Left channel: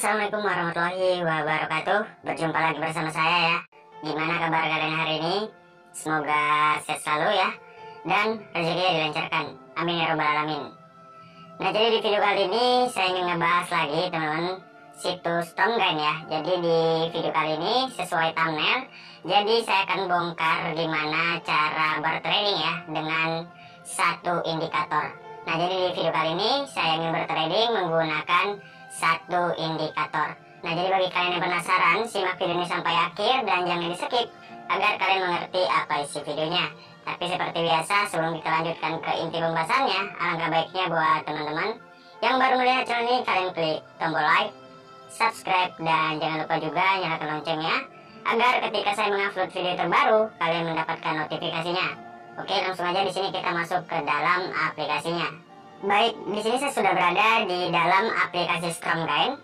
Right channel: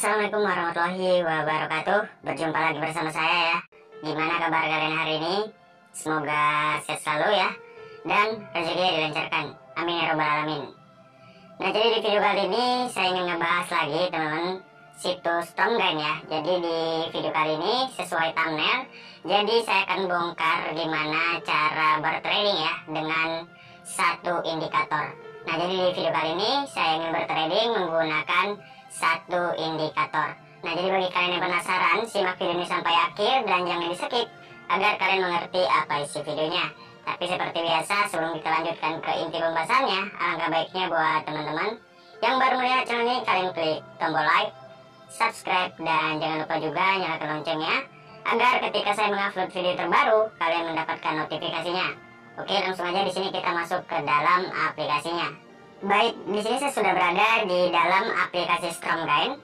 Assalamualaikum warahmatullahi wabarakatuh. Berjumpa lagi bersama saya ya. Gimana kabar kalian hari ini? Semoga sehat selalu ya, dan rezekinya dilancarkan. Amin ya robbal alamin. Nah, jadi di video kali ini saya ingin ngebahas lagi teman-teman situs Stromgain ya. Jadi di video kali ini sesuai thumbnail, jadi saya akan bongkar gimana cara bertrading ya dengan satu indikator. Nah, jadi di video kali ini saya ingin bertrading menggunakan satu indikator. Nah, jadi bagi kalian yang penasaran, simak video ini sampai akhir dan jangan di skip agar kalian mengerti apa isi videonya. Tapi seperti biasa, sebelum kita lanjutkan ke inti pembahasannya, alangkah baiknya buat teman-teman yang baru melihat channel ini, kalian klik tombol like, subscribe, dan jangan lupa juga nyalakan loncengnya agar ketika saya mengupload video terbaru, kalian mendapatkan notifikasinya. Oke, langsung aja di sini kita masuk ke dalam aplikasinya. Baik, di sini saya sudah berada di dalam aplikasi Stromgain.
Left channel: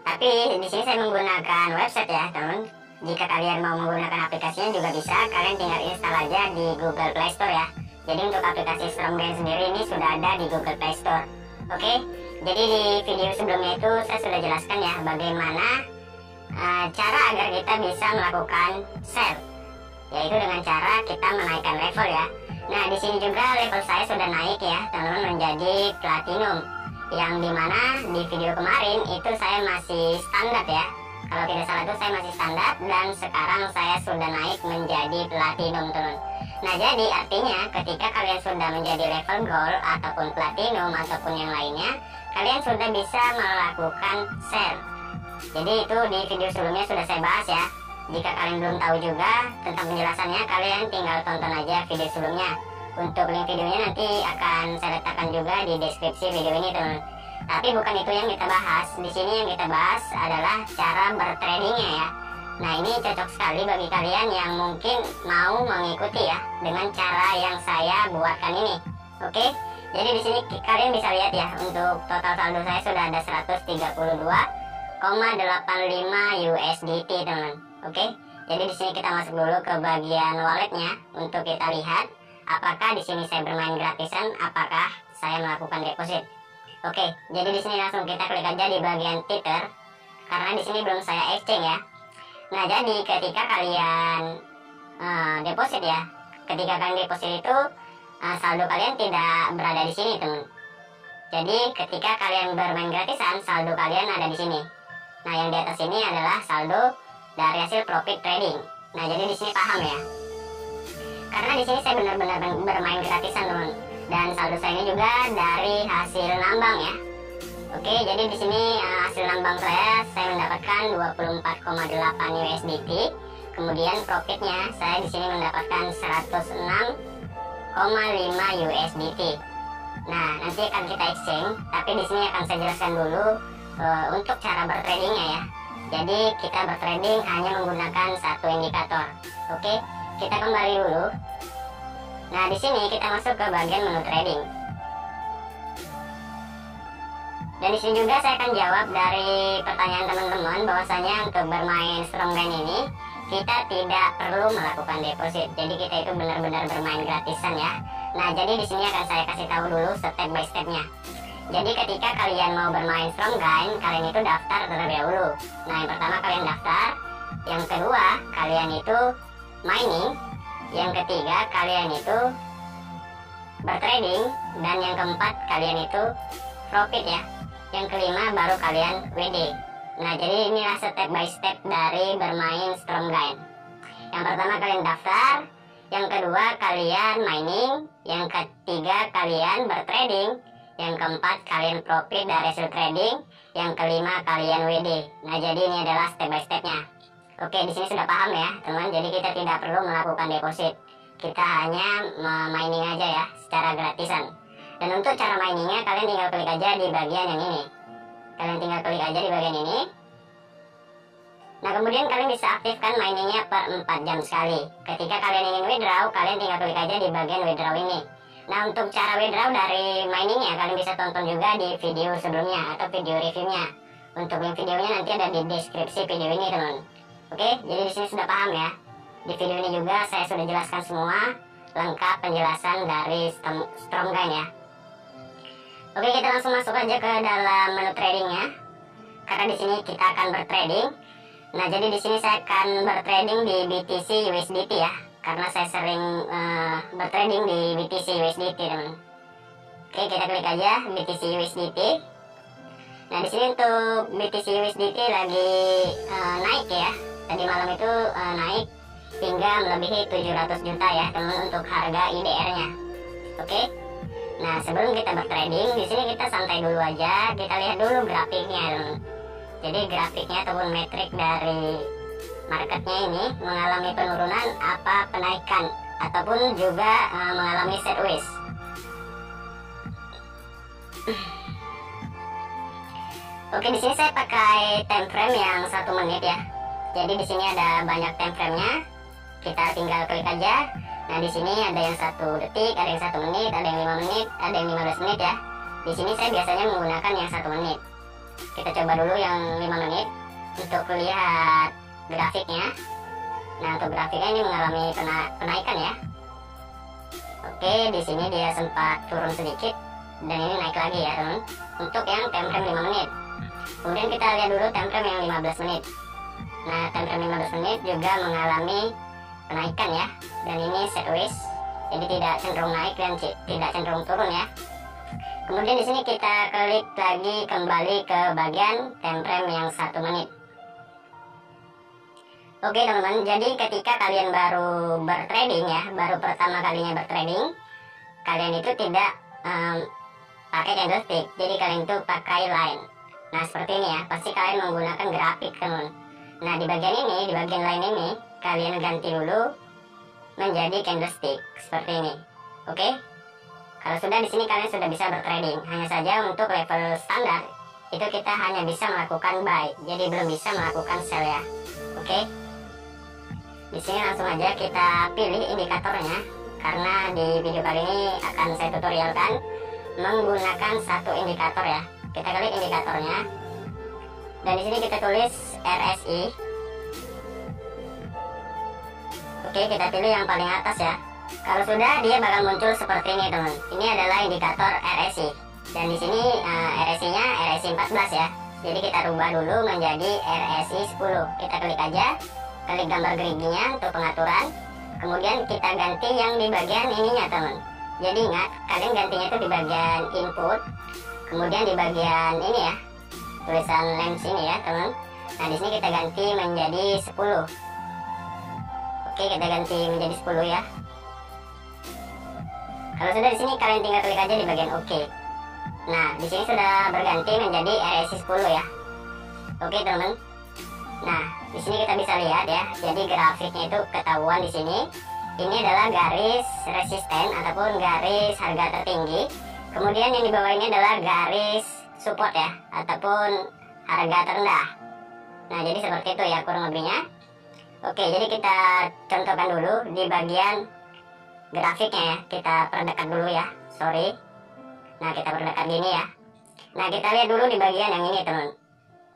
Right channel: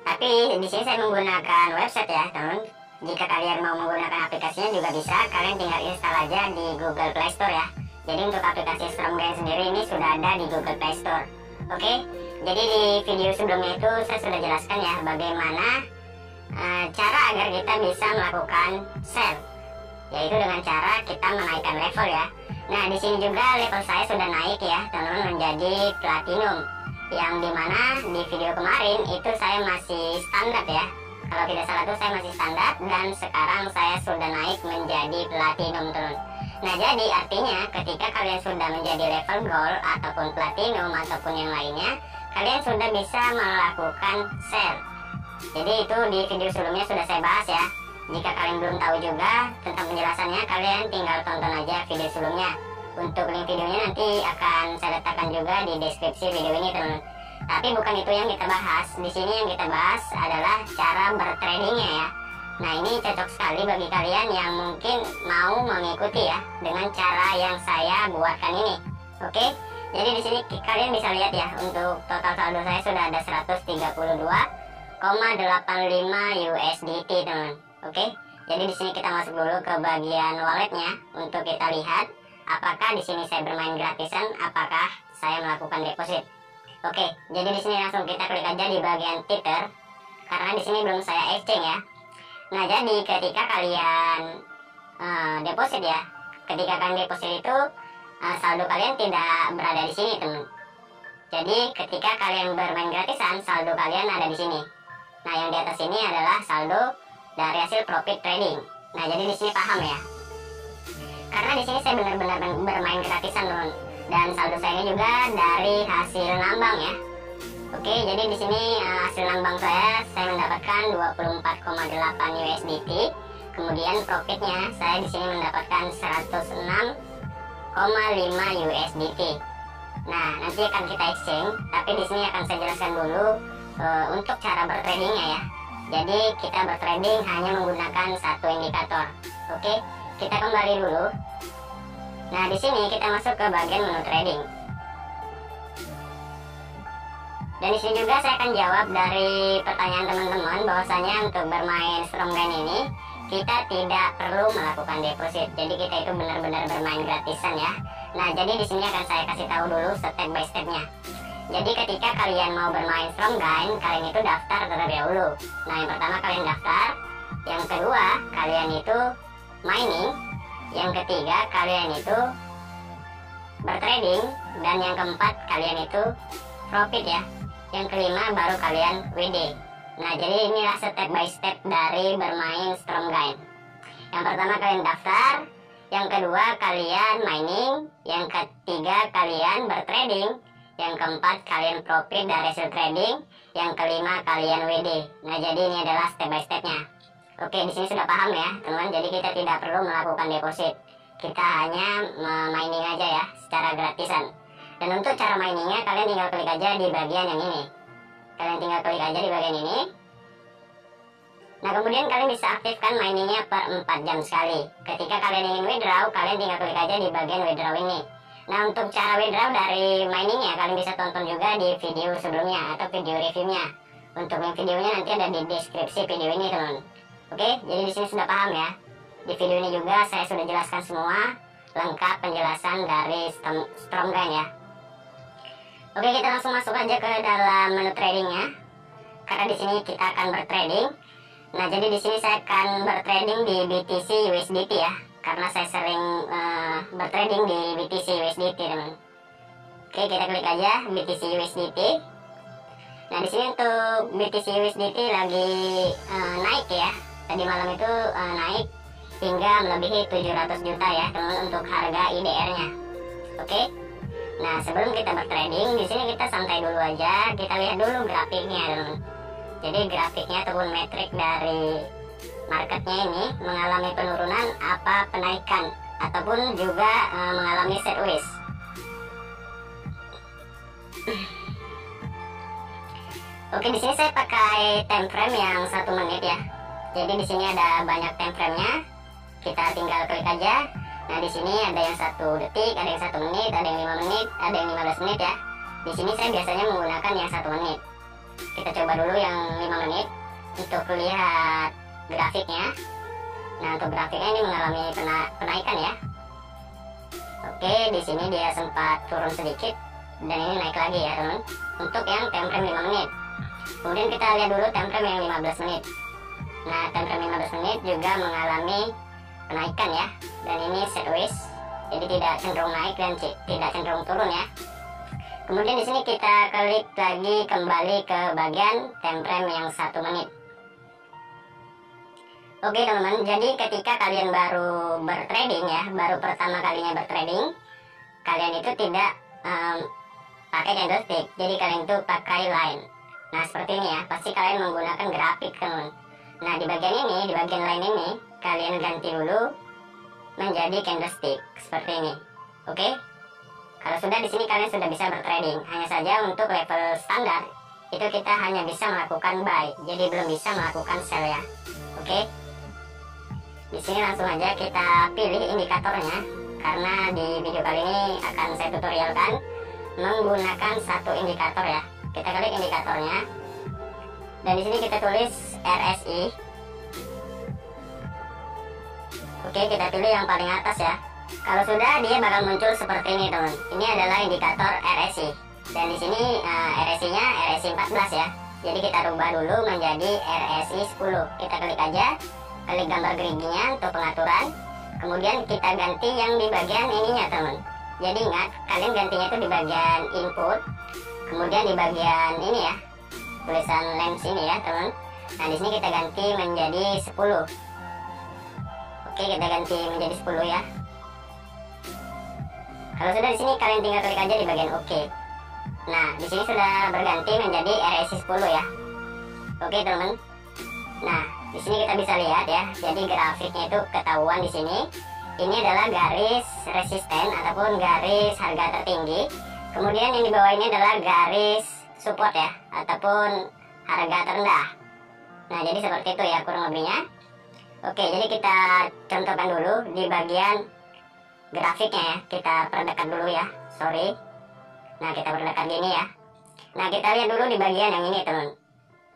Tapi di sini saya menggunakan website ya, teman. Jika kalian mau menggunakan aplikasinya juga bisa, kalian tinggal install aja di Google Play Store ya. Jadi untuk aplikasi Stromgain sendiri ini sudah ada di Google Play Store. Oke, jadi di video sebelumnya itu saya sudah jelaskan ya bagaimana cara agar kita bisa melakukan sell, yaitu dengan cara kita menaikkan level ya. Nah, di sini juga level saya sudah naik ya, teman-teman, menjadi platinum. Yang dimana di video kemarin itu saya masih standar ya. Kalau tidak salah itu saya masih standar dan sekarang saya sudah naik menjadi platinum, teman. Nah, jadi artinya ketika kalian sudah menjadi level gold ataupun platinum ataupun yang lainnya, kalian sudah bisa melakukan sell. Jadi itu di video sebelumnya sudah saya bahas ya. Jika kalian belum tahu juga tentang penjelasannya, kalian tinggal tonton aja video sebelumnya. Untuk link videonya nanti akan saya letakkan juga di deskripsi video ini, teman. Tapi bukan itu yang kita bahas. Di sini yang kita bahas adalah cara bertradingnya ya. Nah, ini cocok sekali bagi kalian yang mungkin mau mengikuti ya dengan cara yang saya buatkan ini. Oke, jadi di sini kalian bisa lihat ya, untuk total saldo saya sudah ada 132,85 USDT, teman. Oke, jadi di sini kita masuk dulu ke bagian walletnya untuk kita lihat apakah di sini saya bermain gratisan, apakah saya melakukan deposit. Oke, jadi di sini langsung kita klik aja di bagian Tether karena di sini belum saya exchange ya. Nah, jadi ketika kalian deposit ya, ketika kalian deposit itu saldo kalian tidak berada di sini, teman. Jadi ketika kalian bermain gratisan, saldo kalian ada di sini. Nah, yang di atas ini adalah saldo dari hasil profit trading. Nah, jadi di sini paham ya. Karena di sini saya benar-benar bermain gratisan, teman. Dan saldo saya ini juga dari hasil nambang ya. Oke, jadi di sini hasil nambang saya mendapatkan 24,8 USDT. Kemudian profitnya saya di sini mendapatkan 106,5 USDT. Nah, nanti akan kita exchange, tapi di sini akan saya jelaskan dulu untuk cara bertradingnya ya. Jadi kita bertrading hanya menggunakan satu indikator. Oke, kita kembali dulu. Nah, di sini kita masuk ke bagian menu trading. Dan di sini juga saya akan jawab dari pertanyaan teman-teman bahwasanya untuk bermain Stromgain ini kita tidak perlu melakukan deposit. Jadi kita itu benar-benar bermain gratisan ya. Nah, jadi di sini akan saya kasih tahu dulu step by stepnya. Jadi ketika kalian mau bermain Stromgain, kalian itu daftar terlebih dahulu. Nah, yang pertama kalian daftar, yang kedua kalian itu mining, yang ketiga kalian itu bertrading, dan yang keempat kalian itu profit ya. Yang kelima baru kalian WD. Nah, jadi inilah step by step dari bermain Stromgain. Yang pertama kalian daftar, yang kedua kalian mining, yang ketiga kalian bertrading, yang keempat kalian profit dari hasil trading, yang kelima kalian WD. Nah, jadi ini adalah step by stepnya. Oke, di sini sudah paham ya, teman. Jadi kita tidak perlu melakukan deposit. Kita hanya mining aja ya, secara gratisan. Dan untuk cara miningnya kalian tinggal klik aja di bagian yang ini. Kalian tinggal klik aja di bagian ini. Nah, kemudian kalian bisa aktifkan miningnya per 4 jam sekali. Ketika kalian ingin withdraw, kalian tinggal klik aja di bagian withdraw ini. Nah, untuk cara withdraw dari miningnya kalian bisa tonton juga di video sebelumnya atau video reviewnya. Untuk link videonya nanti ada di deskripsi video ini, teman. Oke, jadi di sini sudah paham ya. Di video ini juga saya sudah jelaskan semua lengkap penjelasan dari Stromgain ya. Oke, kita langsung masuk aja ke dalam menu tradingnya. karena di sini kita akan bertrading. Nah, jadi di sini saya akan bertrading di BTC USDT ya, karena saya sering bertrading di BTC USDT, teman. Oke, kita klik aja BTC USDT. Nah, di sini untuk BTC USDT lagi naik ya. Tadi malam itu naik hingga melebihi 700 juta ya, teman, untuk harga IDR-nya. Oke. Nah, sebelum kita bertrading, di sini kita santai dulu aja. Kita lihat dulu grafiknya, teman. Jadi grafiknya ataupun metrik dari marketnya ini mengalami penurunan apa penaikan ataupun juga mengalami sideways. Oke, di sini saya pakai time frame yang 1 menit ya. Jadi di sini ada banyak time frame-nya. Kita tinggal klik aja. Nah, di sini ada yang 1 detik, ada yang 1 menit, ada yang 5 menit, ada yang 15 menit ya. Di sini saya biasanya menggunakan yang 1 menit. Kita coba dulu yang 5 menit untuk lihat grafiknya. Nah, untuk grafiknya ini mengalami penaikan ya. Oke, di sini dia sempat turun sedikit dan ini naik lagi ya, teman. Untuk yang time frame 5 menit. Kemudian kita lihat dulu time frame yang 15 menit. Nah, time frame 15 menit juga mengalami penaikan ya. Dan ini sideways. Jadi tidak cenderung naik dan tidak cenderung turun ya. Kemudian di sini kita klik lagi kembali ke bagian time frame yang 1 menit. Oke, teman-teman, jadi ketika kalian baru bertrading ya, baru pertama kalinya bertrading, kalian itu tidak pakai candlestick, jadi kalian itu pakai line. Nah, seperti ini ya, pasti kalian menggunakan grafik, teman. Nah, di bagian ini, di bagian line ini, kalian ganti dulu menjadi candlestick seperti ini. Oke? Kalau sudah, di sini kalian sudah bisa bertrading. Hanya saja untuk level standar itu kita hanya bisa melakukan buy, jadi belum bisa melakukan sell ya. Oke? Di sini langsung aja kita pilih indikatornya, karena di video kali ini akan saya tutorialkan menggunakan satu indikator ya. Kita klik indikatornya, dan di sini kita tulis RSI. Oke, kita pilih yang paling atas ya. Kalau sudah, dia bakal muncul seperti ini, teman. Ini adalah indikator RSI. Dan di sini RSI-nya RSI 14 ya. Jadi kita rubah dulu menjadi RSI 10. Kita klik aja, klik gambar geriginya untuk pengaturan. Kemudian kita ganti yang di bagian ininya, teman. Jadi ingat, kalian gantinya itu di bagian input. Kemudian di bagian ini ya, tulisan lens ini ya, teman. Nah, di sini kita ganti menjadi 10. Oke, kita ganti menjadi 10 ya. Kalau sudah, di sini kalian tinggal klik aja di bagian OK. Nah, di sini sudah berganti menjadi RSI 10 ya. Oke, teman-teman. Nah, di sini kita bisa lihat ya. Jadi grafiknya itu ketahuan di sini. Ini adalah garis resisten ataupun garis harga tertinggi. Kemudian yang di bawah ini adalah garis support ya, ataupun harga terendah. Nah, jadi seperti itu ya kurang lebihnya. Oke, jadi kita contohkan dulu di bagian grafiknya ya. Kita perdekat dulu ya, sorry. Nah, kita perdekat gini ya. Nah, kita lihat dulu di bagian yang ini, teman.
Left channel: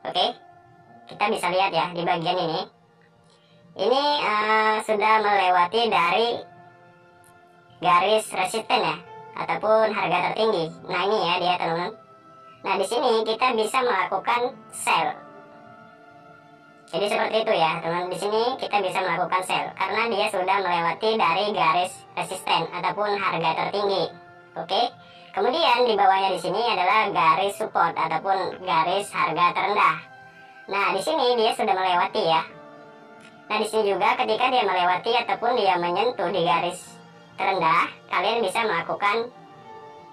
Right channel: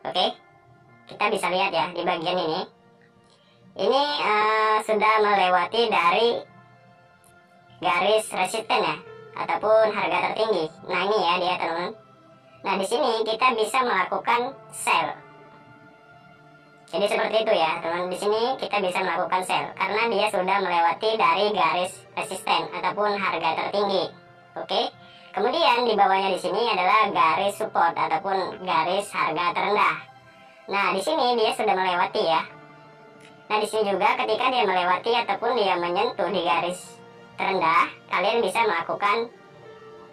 Oke, kita bisa lihat ya di bagian ini. Ini sudah melewati dari garis resisten ya, ataupun harga tertinggi. Nah, ini ya dia, teman-teman. Nah, di sini kita bisa melakukan sell. Jadi seperti itu ya, teman. Di sini kita bisa melakukan sell karena dia sudah melewati dari garis resisten ataupun harga tertinggi. Oke. Kemudian di bawahnya di sini adalah garis support ataupun garis harga terendah. Nah, di sini dia sudah melewati ya. Nah, di sini juga ketika dia melewati ataupun dia menyentuh di garis terendah, kalian bisa melakukan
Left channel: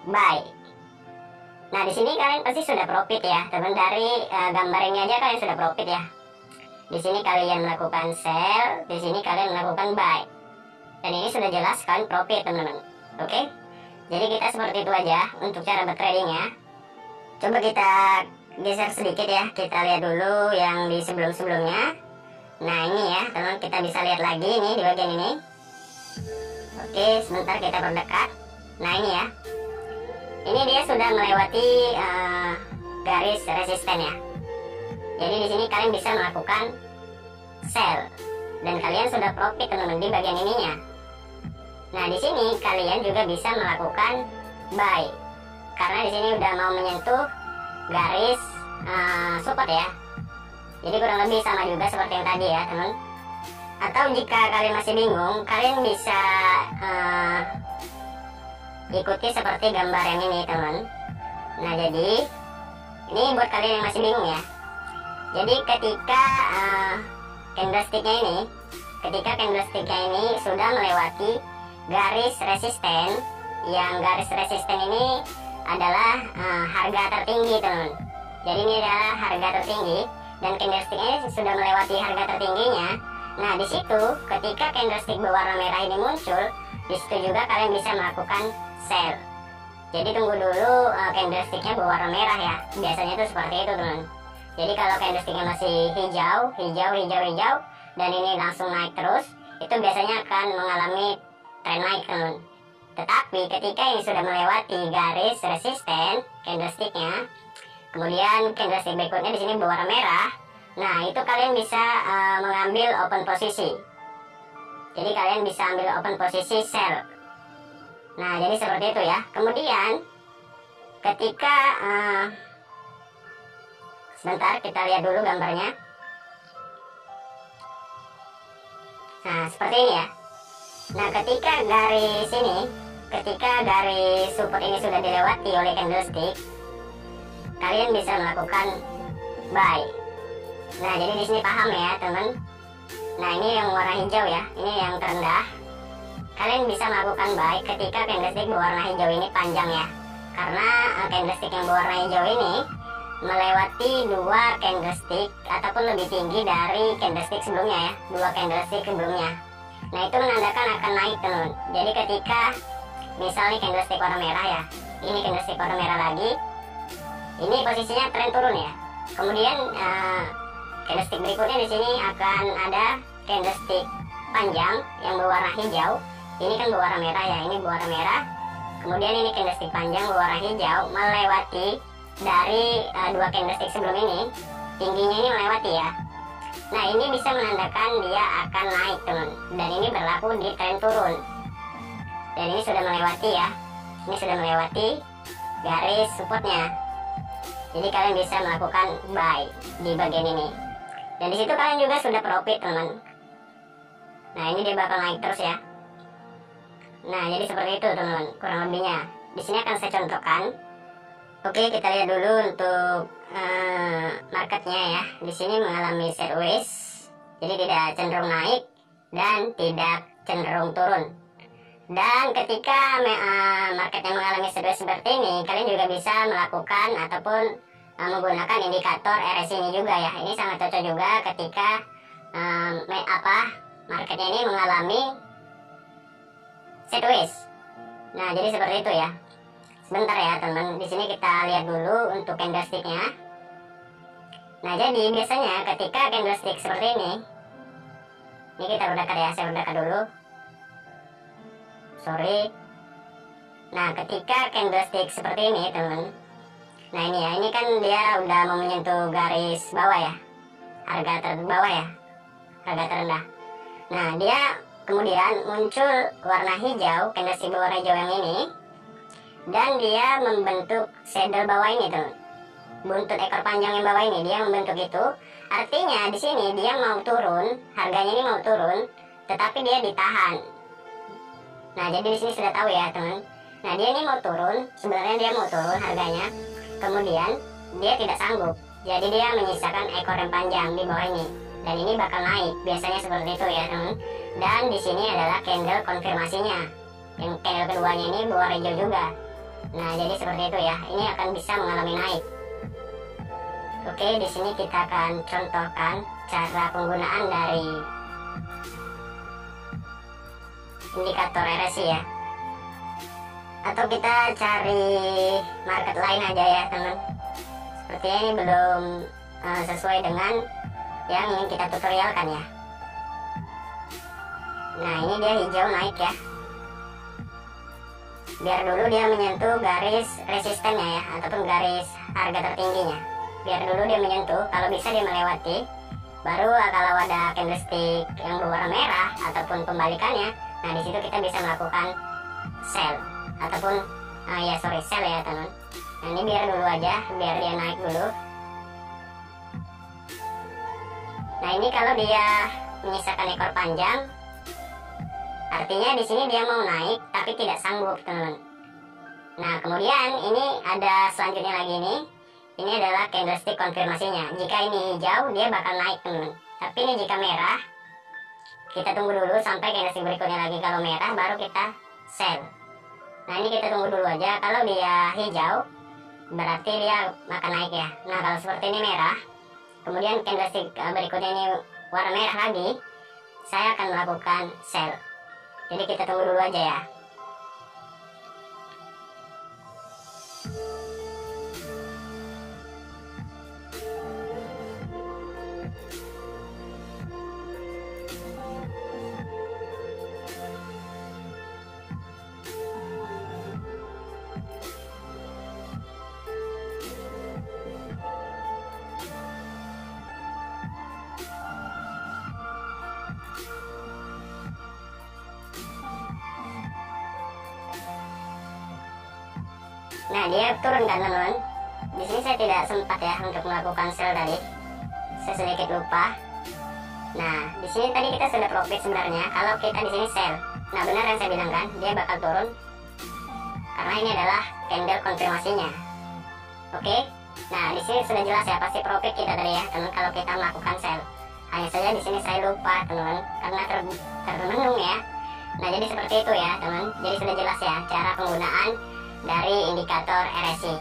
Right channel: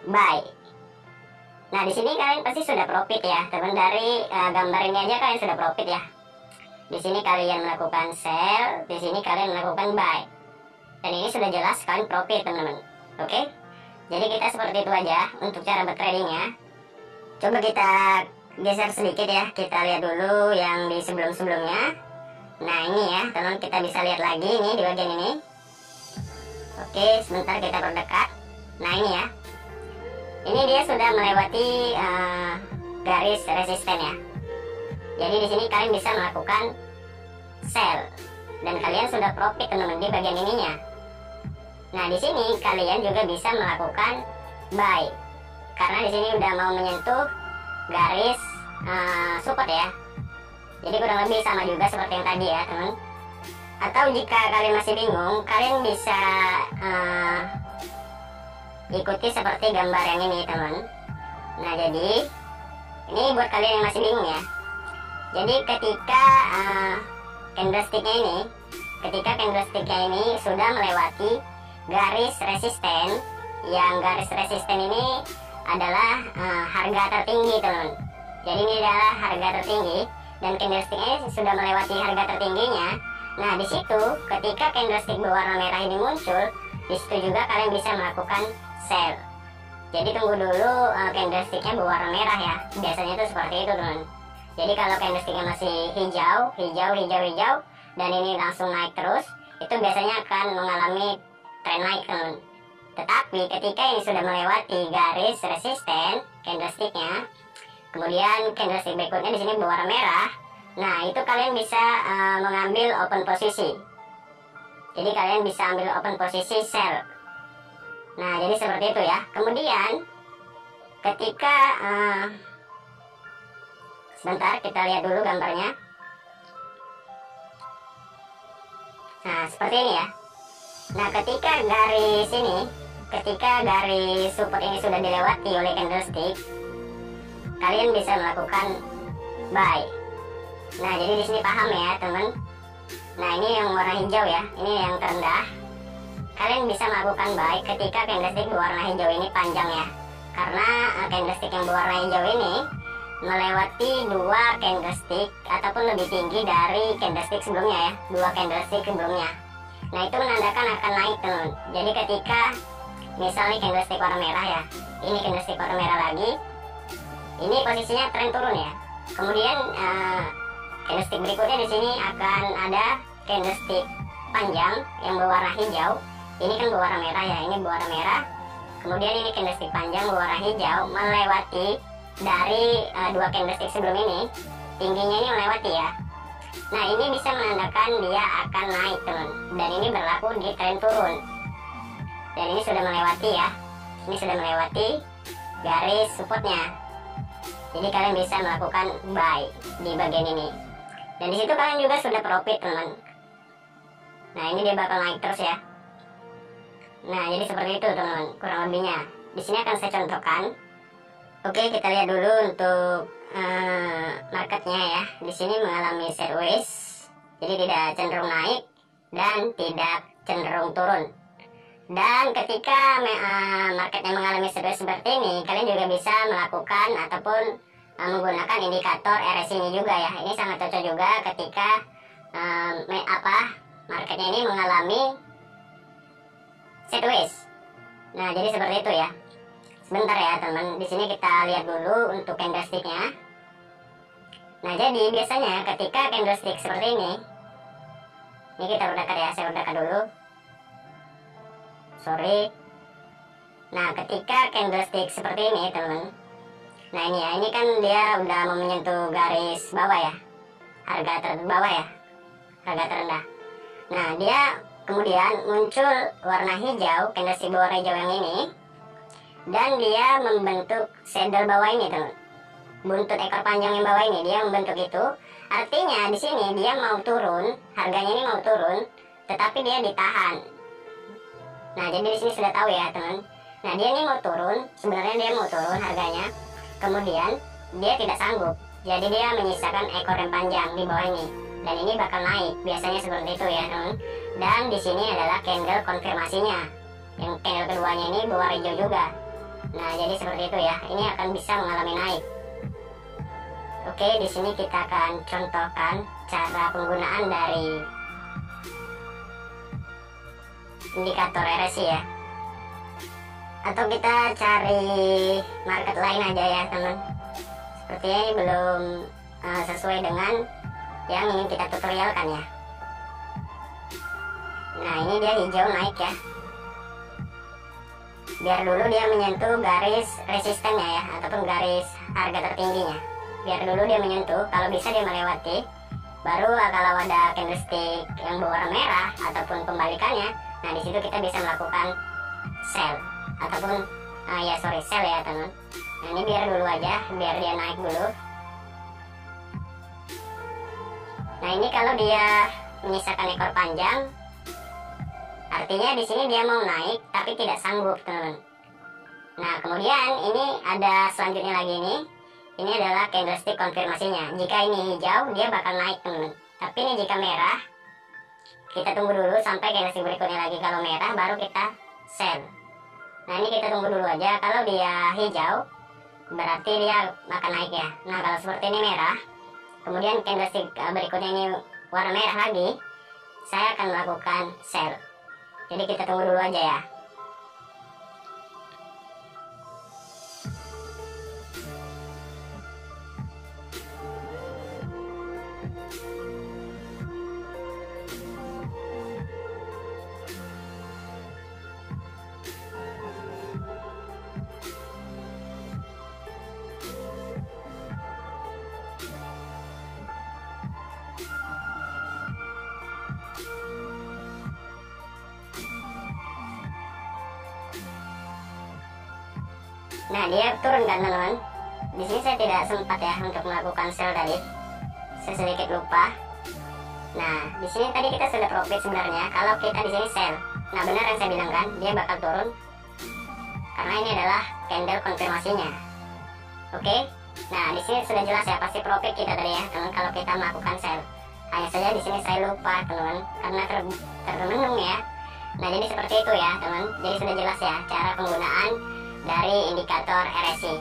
buy. Nah, di sini kalian pasti sudah profit ya, teman. Dari gambar ini aja kalian sudah profit ya. Di sini kalian melakukan sell, di sini kalian melakukan buy. Dan ini sudah jelas kalian profit, teman-teman. Oke? Jadi kita seperti itu aja untuk cara bertradingnya. Coba kita geser sedikit ya. Kita lihat dulu yang di sebelum-sebelumnya. Nah, ini ya, teman, kita bisa lihat lagi nih di bagian ini. Oke, sebentar kita perdekat. Nah, ini ya. Ini dia sudah melewati garis resisten ya. Jadi di sini kalian bisa melakukan sell dan kalian sudah profit, teman-teman, di bagian ininya. Nah, di sini kalian juga bisa melakukan buy karena di sini udah mau menyentuh garis support ya. Jadi kurang lebih sama juga seperti yang tadi ya teman. Atau jika kalian masih bingung, kalian bisa ikuti seperti gambar yang ini teman. Nah jadi ini buat kalian yang masih bingung ya. Jadi ketika candlesticknya ini sudah melewati garis resisten, yang garis resisten ini adalah harga tertinggi teman. Jadi ini adalah harga tertinggi dan candlestick ini sudah melewati harga tertingginya. Nah di situ ketika candlestick berwarna merah ini muncul, di situ juga kalian bisa melakukan sell. Jadi tunggu dulu candlesticknya berwarna merah ya. Biasanya itu seperti itu teman. Jadi kalau candlesticknya masih hijau dan ini langsung naik terus, itu biasanya akan mengalami tren naik teman. Tetapi ketika ini sudah melewati garis resisten candlesticknya, kemudian candlestick berikutnya di sini berwarna merah, nah itu kalian bisa mengambil open posisi. Jadi kalian bisa ambil open posisi sell. Nah jadi seperti itu ya. Kemudian ketika sebentar kita lihat dulu gambarnya. Nah seperti ini ya. Nah ketika garis support ini sudah dilewati oleh candlestick, kalian bisa melakukan buy. Nah jadi di sini paham ya teman. Nah ini yang warna hijau ya, ini yang terendah. Kalian bisa melakukan buy ketika candlestick berwarna hijau ini panjang ya. Karena candlestick yang berwarna hijau ini melewati dua candlestick ataupun lebih tinggi dari candlestick sebelumnya ya, dua candlestick sebelumnya. Nah itu menandakan akan naik teman. Jadi ketika misalnya candlestick warna merah ya, ini candlestick warna merah lagi, ini posisinya tren turun ya. Kemudian candlestick berikutnya di sini akan ada candlestick panjang yang berwarna hijau. Ini kan berwarna merah ya, ini berwarna merah. Kemudian ini candlestick panjang berwarna hijau melewati dari dua candlestick sebelum ini, tingginya ini melewati ya. Nah ini bisa menandakan dia akan naik teman. Dan ini berlaku di tren turun. Dan ini sudah melewati ya. Ini sudah melewati garis supportnya. Jadi kalian bisa melakukan buy di bagian ini. Dan di situ kalian juga sudah profit teman. Nah ini dia bakal naik terus ya. Nah jadi seperti itu teman-teman kurang lebihnya. Di sini akan saya contohkan. Oke kita lihat dulu untuk marketnya ya. Di sini mengalami sideways. Jadi tidak cenderung naik dan tidak cenderung turun. Dan ketika marketnya mengalami sideways seperti ini, kalian juga bisa melakukan ataupun menggunakan indikator RSI ini juga ya. Ini sangat cocok juga ketika marketnya ini mengalami sideways. Nah jadi seperti itu ya. Sebentar ya teman, di sini kita lihat dulu untuk candlesticknya. Nah jadi biasanya ketika candlestick seperti ini kita berdekat ya, saya berdekat dulu. Sorry. Nah ketika candlestick seperti ini teman, nah ini ya, ini kan dia udah mau menyentuh garis bawah ya, harga terbawah ya, harga terendah. Nah dia kemudian muncul warna hijau, candlestick berwarna hijau yang ini, dan dia membentuk saddle bawah ini teman, buntut ekor panjang yang bawah ini dia membentuk itu. Artinya di sini dia mau turun, harganya ini mau turun, tetapi dia ditahan. Nah jadi di sini sudah tahu ya teman. Nah dia ini mau turun, sebenarnya dia mau turun harganya, kemudian dia tidak sanggup, jadi dia menyisakan ekor yang panjang di bawah ini, dan ini bakal naik. Biasanya seperti itu ya teman. Dan di sini adalah candle konfirmasinya, yang candle keduanya ini berwarna hijau juga. Nah jadi seperti itu ya, ini akan bisa mengalami naik. Oke, di sini kita akan contohkan cara penggunaan dari indikator RSI ya. Atau kita cari market lain aja ya teman. Sepertinya ini belum sesuai dengan yang ingin kita tutorialkan ya. Nah ini dia hijau naik ya. Biar dulu dia menyentuh garis resistennya ya, ataupun garis harga tertingginya. Biar dulu dia menyentuh, kalau bisa dia melewati. Baru kalau ada candlestick yang berwarna merah ataupun kembalikannya, nah di situ kita bisa melakukan sell ataupun sell ya teman. Nah ini biar dulu aja, biar dia naik dulu. Nah, ini kalau dia menyisakan ekor panjang, artinya di sini dia mau naik tapi tidak sanggup, teman-teman. Nah, kemudian ini ada selanjutnya lagi nih. Ini adalah candlestick konfirmasinya. Jika ini hijau, dia bakal naik, teman-teman. Tapi ini jika merah, kita tunggu dulu sampai candlestick berikutnya lagi. Kalau merah baru kita sell. Nah, ini kita tunggu dulu aja. Kalau dia hijau, berarti dia akan naik ya. Nah, kalau seperti ini merah, kemudian candlestick berikutnya ini warna merah lagi, saya akan melakukan sell. Jadi kita tunggu dulu aja ya. Nah, dia turun kan, teman-teman. Di sini saya tidak sempat ya untuk melakukan sell tadi. Saya sedikit lupa. Nah, di sini tadi kita sudah profit sebenarnya kalau kita di sini sell. Nah, benar yang saya bilang kan, dia bakal turun karena ini adalah candle konfirmasinya. Oke. Nah, di sini sudah jelas ya pasti profit kita tadi ya, teman, kalau kita melakukan sell. Hanya saja di sini saya lupa, teman, karena termenung ya. Nah, jadi seperti itu ya, teman. Jadi sudah jelas ya cara penggunaan dari indikator RSI.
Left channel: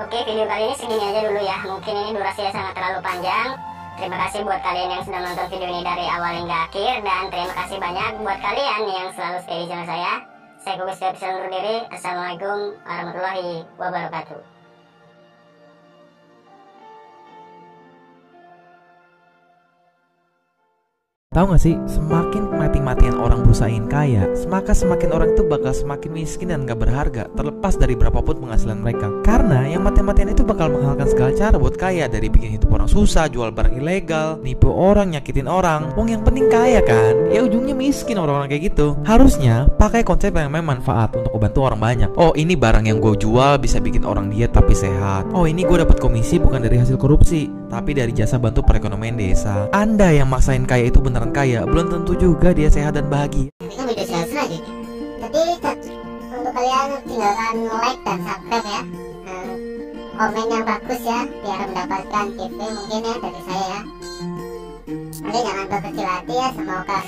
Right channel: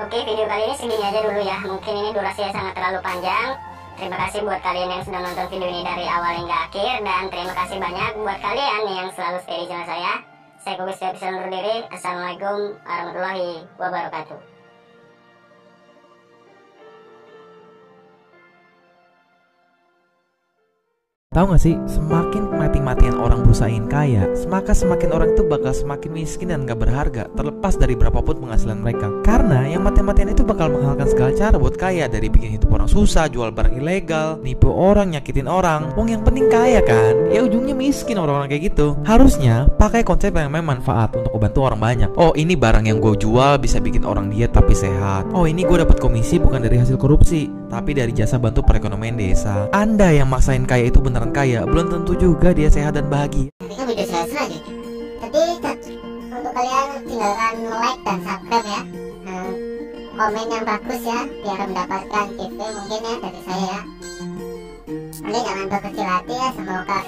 Oke, video kali ini segini aja dulu ya. Mungkin ini durasinya sangat terlalu panjang. Terima kasih buat kalian yang sudah nonton video ini dari awal hingga akhir. Dan terima kasih banyak buat kalian yang selalu stay di channel saya. Saya Kugus bisa undur diri. Assalamualaikum warahmatullahi wabarakatuh. Tahu gak sih, semakin mati-matian orang berusahain kaya, maka semakin orang itu bakal semakin miskin dan gak berharga, terlepas dari berapapun penghasilan mereka. Karena yang mati-matian itu bakal menghalalkan segala cara buat kaya, dari bikin hidup orang susah, jual barang ilegal, nipu orang, nyakitin orang. Wong yang penting kaya kan, ya ujungnya miskin orang-orang kayak gitu. Harusnya pakai konsep yang memang manfaat untuk membantu orang banyak. Oh, ini barang yang gue jual bisa bikin orang diet tapi sehat. Oh, ini gue dapat komisi bukan dari hasil korupsi, tapi dari jasa bantu perekonomian desa. Anda yang maksain kaya itu beneran kaya, belum tentu juga dia sehat dan bahagia. Nantikan video saya selanjutnya. Tapi untuk kalian tinggalkan like dan subscribe ya. Komen yang bagus ya, biar mendapatkan giveaway mungkin ya dari saya ya. Nanti jangan berkecil hati ya, semoga